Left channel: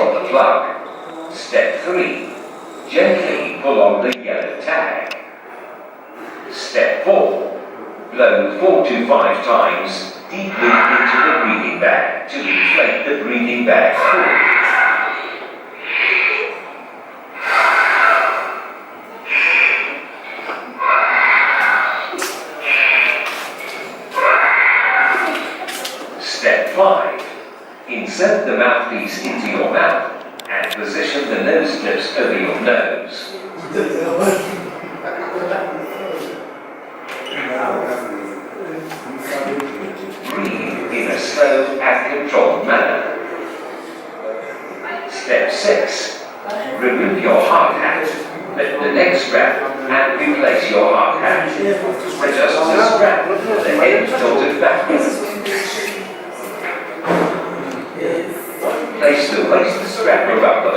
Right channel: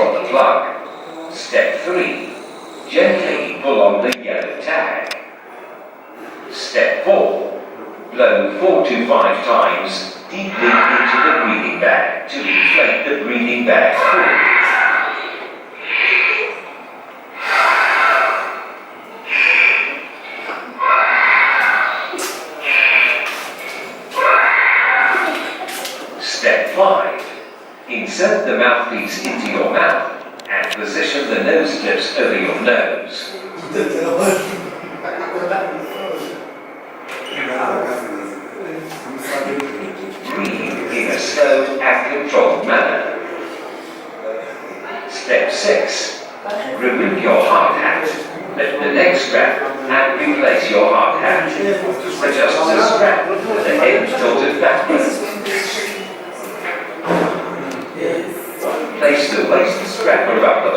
from the plug. Step 3. Gently pull on the yellow tag. Step 4. Blow 4 to 5 times deeply into the breathing bag to inflate the breathing bag full. Step 5. Insert the mouthpiece into your mouth and position the nose tips over your nose. Breathe in a slow and controlled manner. Step 6. Remove your hard hat, lift the neck strap and replace your hard hat. Adjust the strap with the head tilted backwards. Place the waist strap around the